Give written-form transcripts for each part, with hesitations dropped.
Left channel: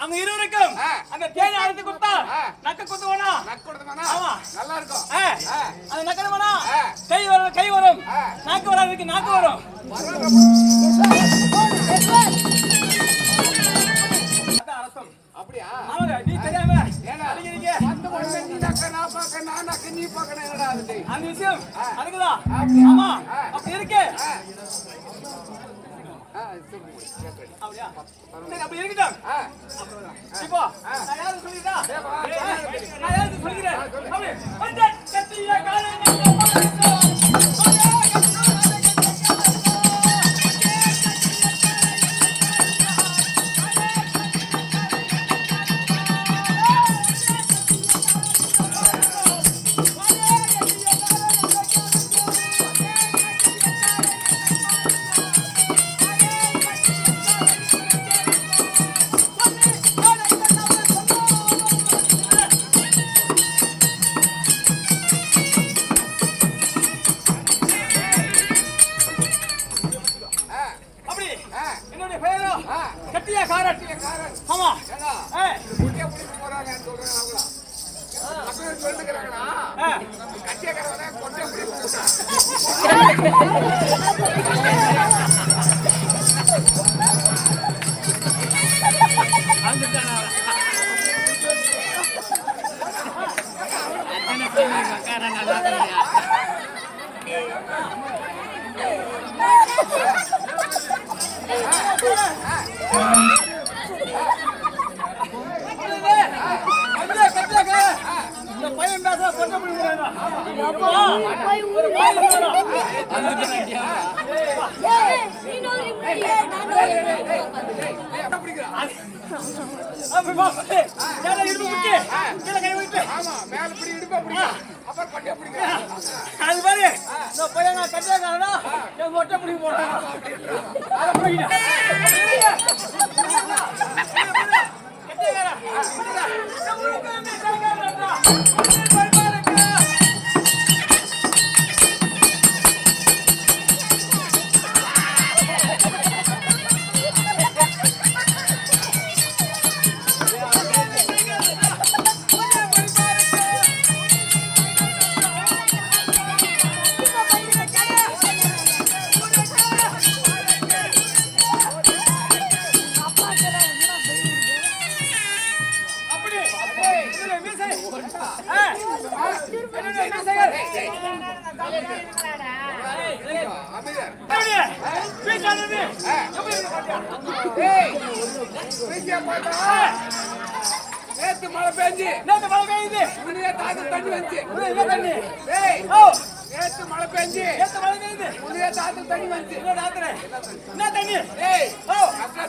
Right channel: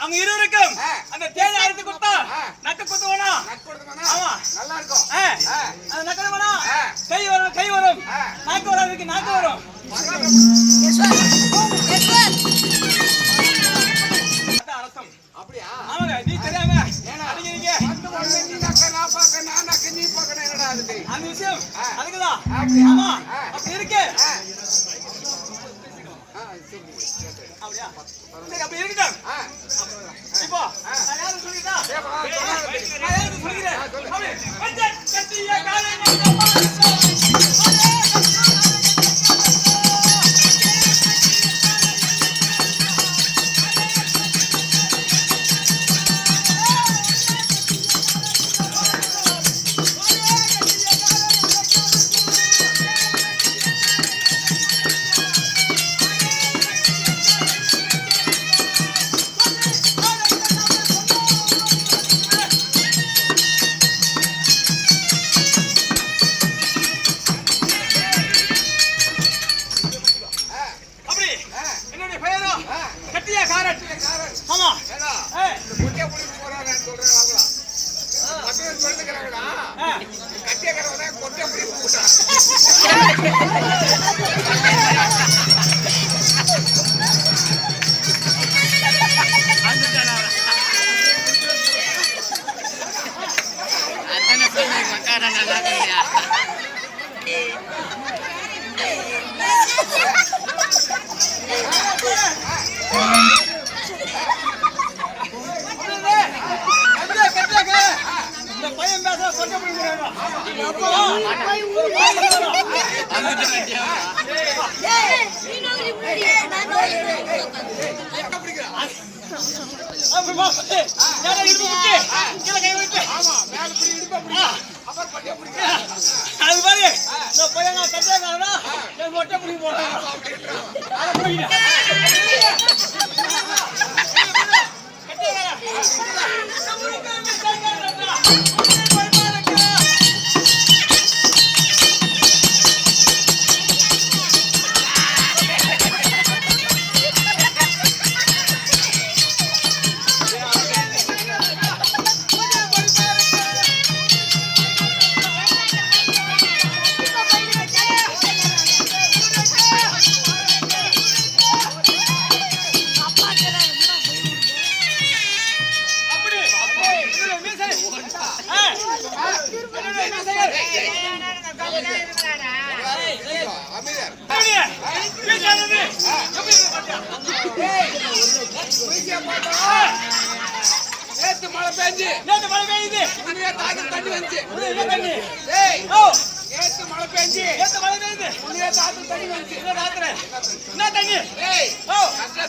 அவங்க இருவருக்கும் அந்த தேனை அறுத்து கொடுத்தா நக்க குத்துவானா ஆமா நல்லா இருக்கும் அந்த நக்கறவனா கை வரும் நாக்கு வராதுக்கு நாக்கு வரும் அரசம் அப்படியே ஆமாங்க நீ தெரியாம அடிக்கிறீங்க வந்து வந்து நீ நக்க நான் பார்க்க நான் நக்க நீ பார்க்கணும் என்னடா அது அந்த விஷயம் அதுக்குதான் ஆமா அப்படி இருக்கு அப்படியா சரி அப்படி இருக்கட்டும் இப்போ நான் யாருக்கு சொல்லிட்டா நான் யாருக்கு சொல்லிக்கிறேன் அப்படி கொஞ்சம் கட்டிய காலை அது பாரு பையன் நான் கட்டியாக்காரனா என் மொட்டை பிடிக்க போறாங்க அதை பிடிக்கிட்டேன் நேத்து மழை பெய்யுது தண்ணி வந்து நேத்து மழை பெய்யுது உள்ளே தாத்து தண்ணி வந்து என்ன தண்ணி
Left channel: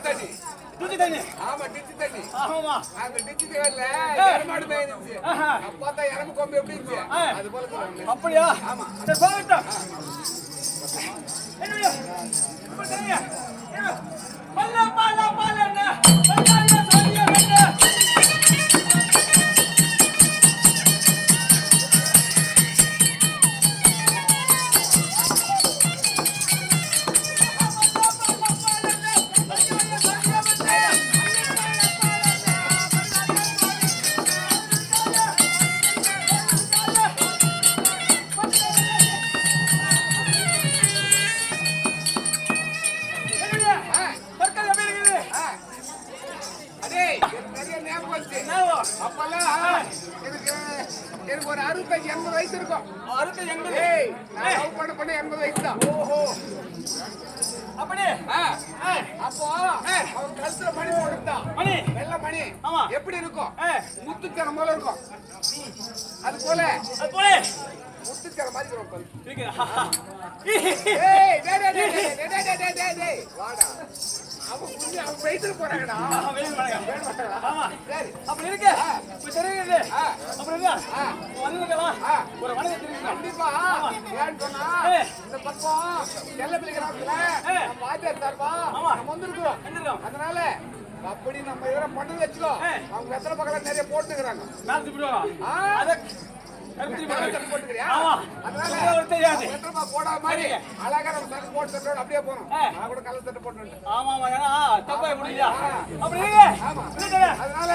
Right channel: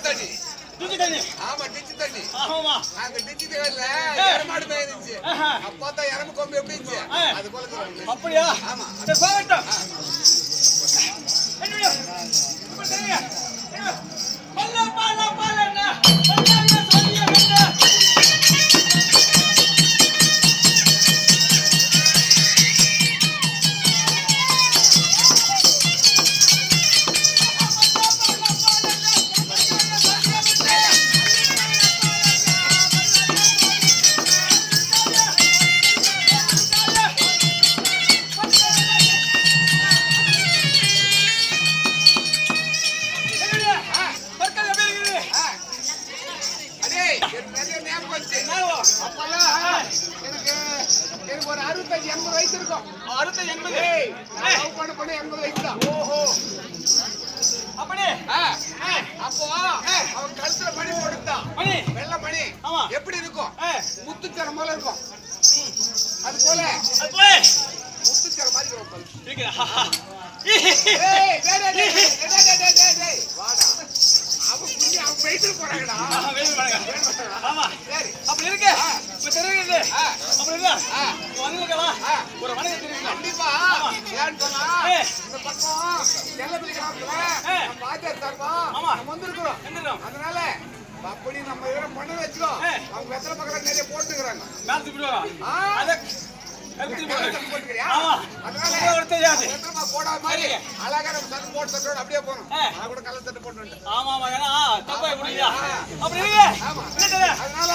தண்ணி டிச்சு தண்ணி ஆமா டிச்சு தண்ணி ஆமா அந்த டிச்சு தண்ணில மாடு மேய்ந்துச்சு அப்பா இறம கொம்பு எப்படி இருந்துச்சு அது போல அப்படியா ஆமா சரி போகட்டும் என்னையா இப்ப சரியா பல்ல பால பாலன பல்லாய சொல்லிய வெட்ட எனக்கு ஒரு 65-80 வயசு இருக்கும் 65-80 பண்ண 80 வயசு தான் ஓஹோ அப்படியே அப்போ அவன் கழுத்துல மணி போடுதா மணி வெள்ளை மணி ஆமா எப்படி இருக்கும் முத்துச்சரம் போல இருக்கும் அது போல முத்துச்சரம் மாதிரி இருக்கும் வாடா அவன் வயசுல போறாங்கடா ஆமா சரி அப்படி இருக்கு இப்ப தெரியுது அப்படி இல்ல வந்துக்கலாம் ஒரு வணக்கம் தெரியுது கண்டிப்பா ஏன்னு சொன்னா இந்த பக்கம் செல்ல பிள்ளைகளா பாஜக சார்பா நம்ம வந்திருக்கிறோம் அதனால அப்படி நம்ம இதெல்லாம் பண்ணது வச்சுக்கோ அவங்க வெத்தலை பக்கம் நிறைய போட்டுக்கிறாங்க மேல திருப்பிடுவாங்க அதை போட்டுக்கிறியா அதனால தெரியாது. எத்தனை கோடா மாதிரி அழகா நம்ம சட்டை போட்டு சட்டை அப்படியே போறோம். நான் கூட கலர் சட்டை போட்டு வந்துட்டேன். ஆமா ஆமா ஏன்னா தப்பா முடியல அப்படி இருக்கு ஆமா இல்ல அதனால